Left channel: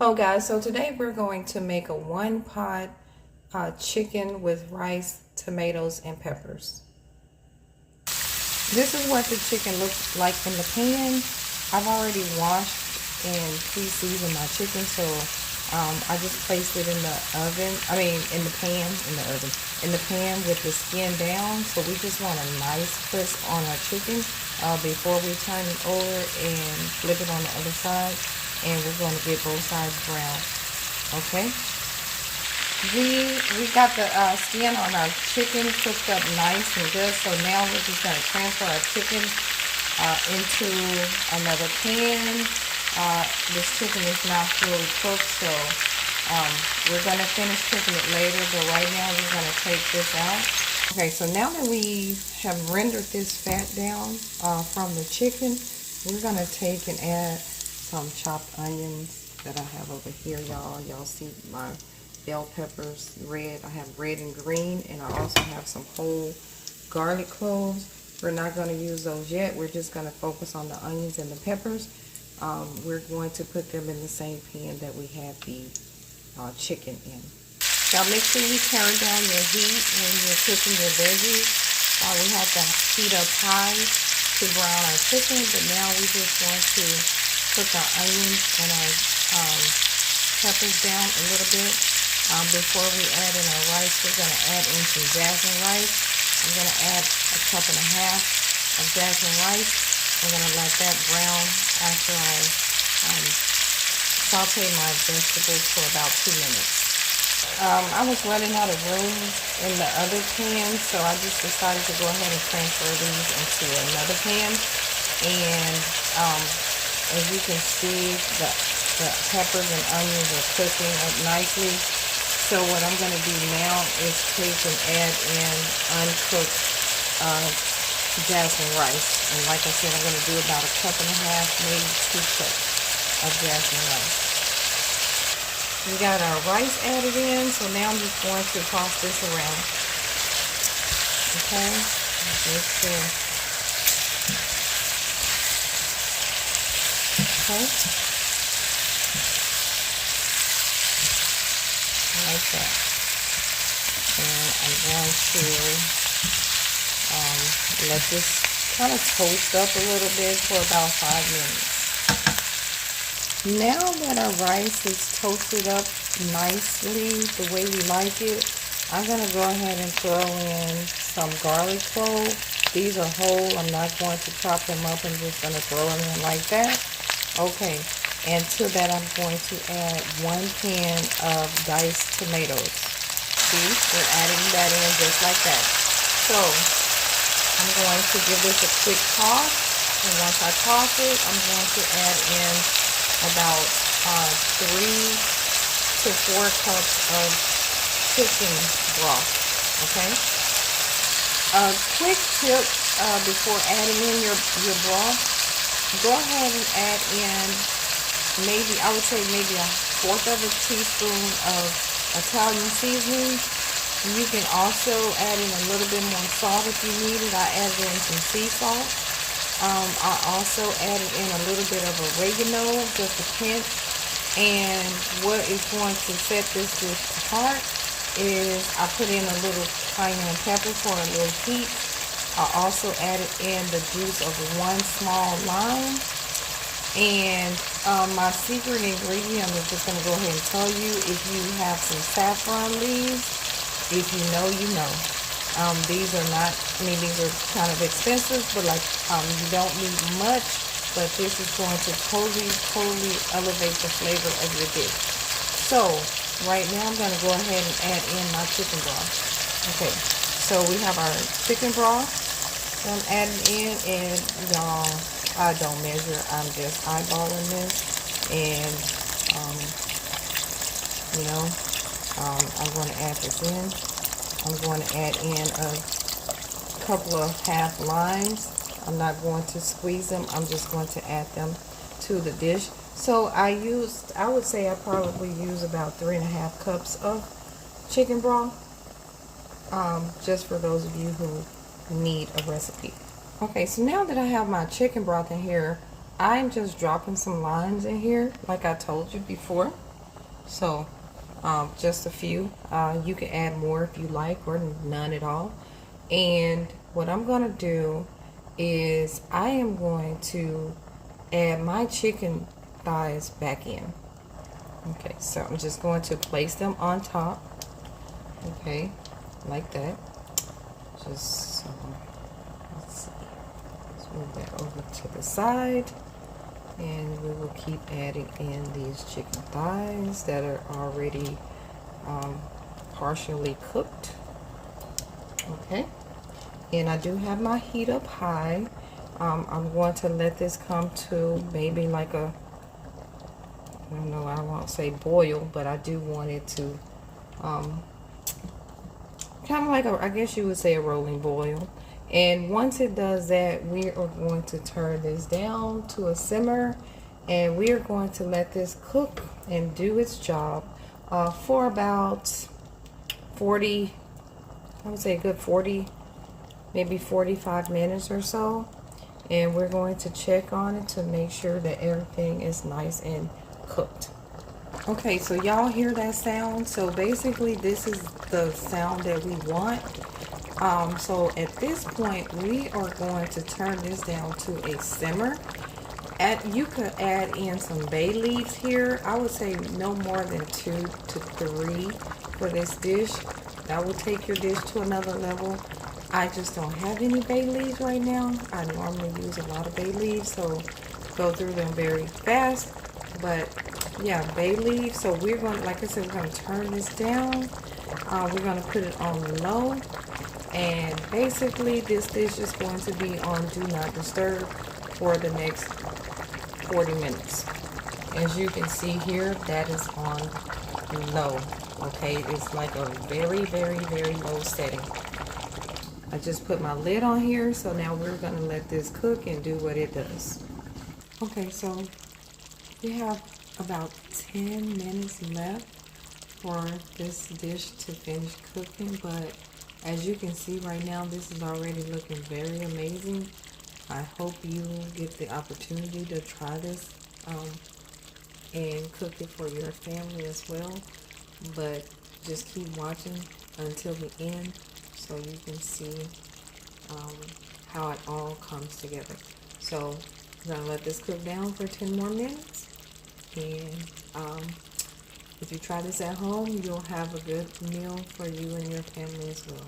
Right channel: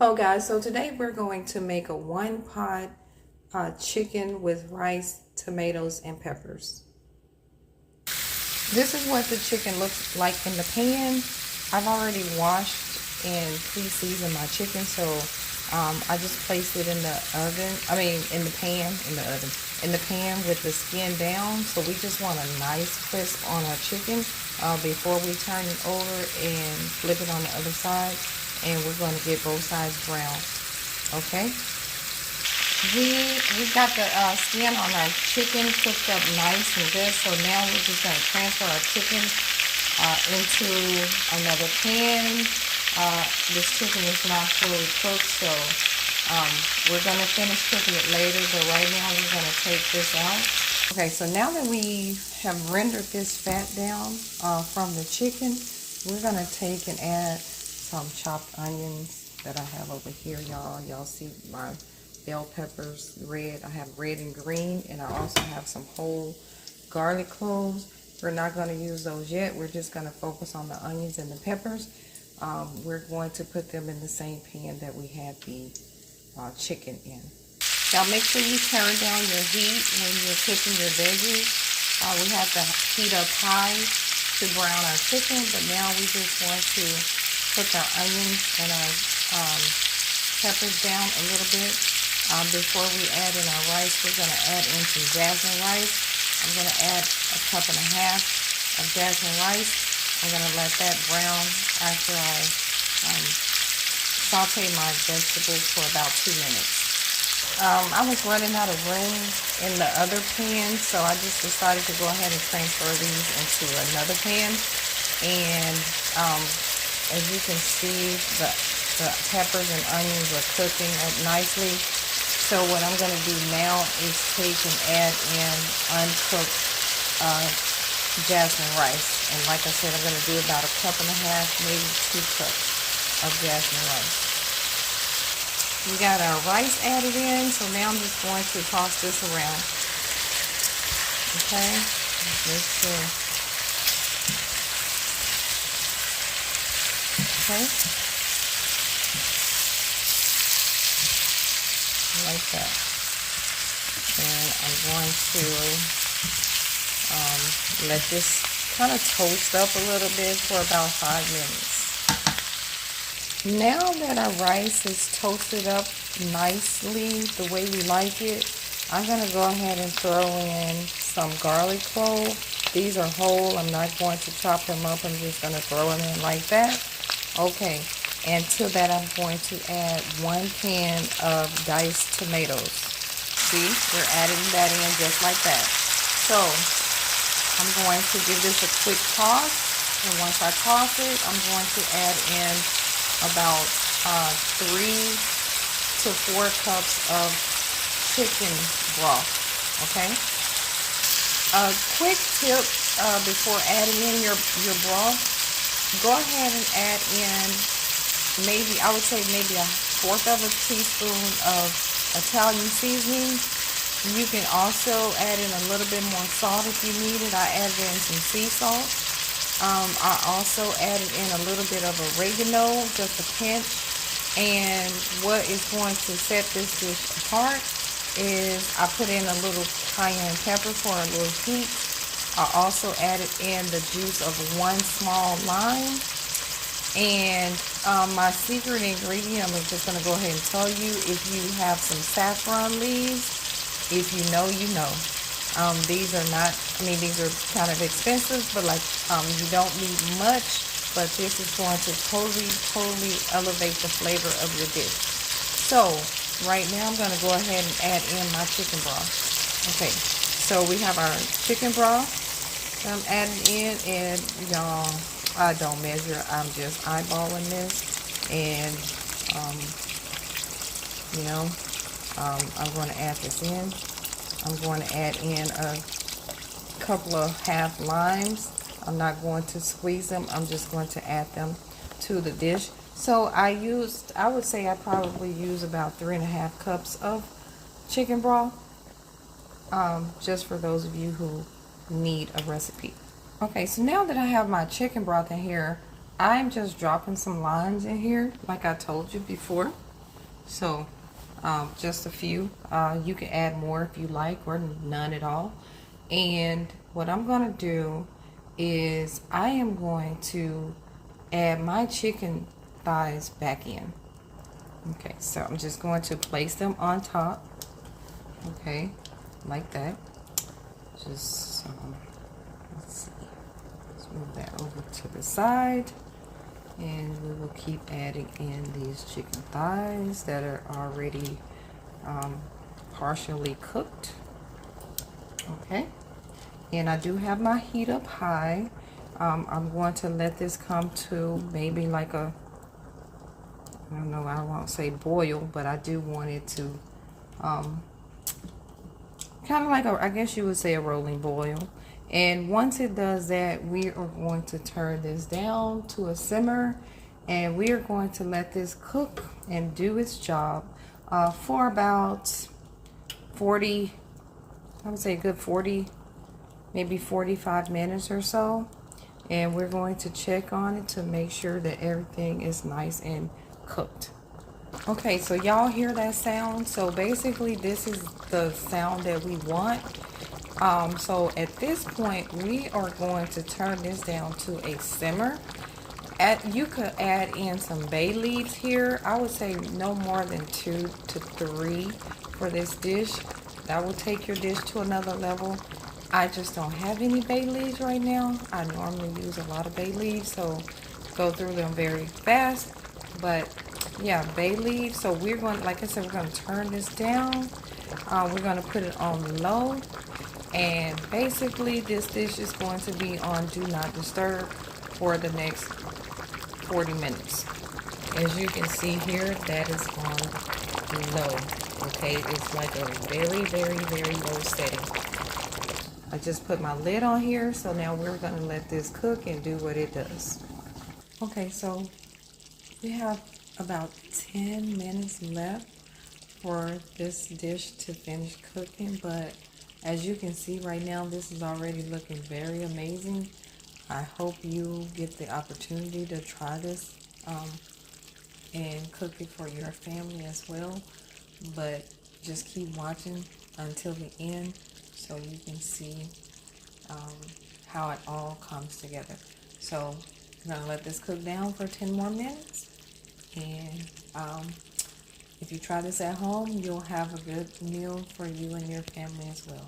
Oh guys, so today we're going to make a one pot chicken with rice, tomatoes, and peppers. This is what the chicken looks like in the pan. I've already washed and pre-seasoned my chicken, so I just placed it in the oven. In the pan, in the pan with the skin down. So we just want a nice crisp on our chicken before we turn it over and flip it on the other side. And we're going to get both sides brown. Okay. We got the skin on our chicken cooked up nice and good. So now we're just going to transfer our chicken into another pan. This chicken is not fully cooked, so we're going to finish cooking it later. But right now we're going to take this out. Okay, so now that we have rendered this fat down from the chicken, we're going to take and add some chopped onions that I have over here, y'all. Y'all see my bell peppers, red. I have red and green, and I also have some whole garlic cloves. We're not going to use those yet. We're just going to focus on the onions and the peppers. We're going to put them in the same pan that we had the chicken in. Now make sure you turn down your heat when you're cooking your veggies. We have to heat up high to brown our chicken, but now we just want to put our onions and our peppers down a little bit. Before we add in our rice, we're going to add in some jasmine rice. I'm going to add a cup and a half of jasmine rice. I'm going to let that brown after I saute my vegetables for about 2 minutes. I was running out of room in the other pan, so I just decided to go ahead and transfer these into another pan. And as you can see, the peppers and onions are cooking up nicely. So what I'm going to do now is take and add in uncooked jasmine rice. And like I said, I'm going to do about a cup and a half, maybe 2 cups of jasmine rice. We got our rice added in, so now I'm just going to toss this around. Okay, make sure. Okay, like that. And I'm going to let this kind of toast up a little bit for about 5 minutes. Now that our rice is toasted up nicely the way we like it, I'm going to go ahead and throw in some garlic cloves. These are whole. I'm not going to chop them up. I'm just going to throw them in like that. Okay, and to that I'm going to add 1 can of diced tomatoes. See, we're adding that in just like that. So I'm going to give this a quick toss, and once I toss it, I'm going to add in about 3 to 4 cups of chicken broth. Okay. A quick tip before adding in your broth. Go ahead and add in I would say maybe 1/4 of a teaspoon of Italian seasoning. You can also add in a little bit more salt if you need it. I added in some sea salt. I also added in a little bit of oregano, just a pinch. And what is going to set this dish apart is I put in a little cayenne pepper for a little heat. I also added in the juice of 1 small lime. And my secret ingredient, I'm just going to go ahead and tell you, if you have some saffron leaves, if you know, you know. These are not, these are kind of expensive, but you don't need much, but this is going to totally elevate the flavor of your dish. So right now I'm going to go ahead and add in my chicken broth. Okay, so we have our chicken broth I'm adding in, and y'all, I don't measure, I'm just eyeballing this, and I'm going to add this in. I'm going to add in a couple of half limes. I'm not going to squeeze them. I'm just going to add them to the dish. So I would say I probably use about 3.5 cups of chicken broth, just for those of you who need a recipe. Okay, so now that I have my chicken broth in here, I'm just dropping some limes in here, like I told you before. So just a few. You can add more if you like, or none at all. And what I'm gonna do is I am going to add my chicken thighs back in. Okay, so I'm just going to place them on top. Okay, like that. Just let's see. Let's move that over to the side, and we will keep adding in these chicken thighs that are already partially cooked. Okay, and I do have my heat up high. I'm going to let this come to maybe like a, I don't know, I won't say boil, but I do want it to kind of like a, I guess you would say a rolling boil. And once it does that, we are going to turn this down to a simmer, and we are going to let this cook and do its job for about 40, I would say a good 40, maybe 45 minutes or so. And we're going to check on it to make sure that everything is nice and cooked. Okay, so y'all hear that sound? So basically this is the sound that we want. So at this point we are going to turn this down to a simmer. You could add in some bay leaves here. I would say no more than 2 to 3 for this dish. That will take your dish to another level. I just don't have any bay leaves right now. I normally use a lot of bay leaves, so go through them very fast. But yeah, bay leaves. So we're going, like I said, we're going to turn this down. We're going to put it on low, and basically this dish is going to be on do not disturb for the next 40 minutes. As you can see here, that is on low. Okay, it's like a very, very, very low setting. I just put my lid on here, so now we're going to let this cook and do what it does. Okay, so we have about 10 minutes left for this dish to finish cooking, but as you can see right now, this is already looking very amazing. I hope you get the opportunity to try this and cook it for your family as well, but just keep watching until the end so you can see how it all comes together. So I'm going to let this cook down for 10 more minutes, and if you try this at home, you'll have a good meal for you and your family as well.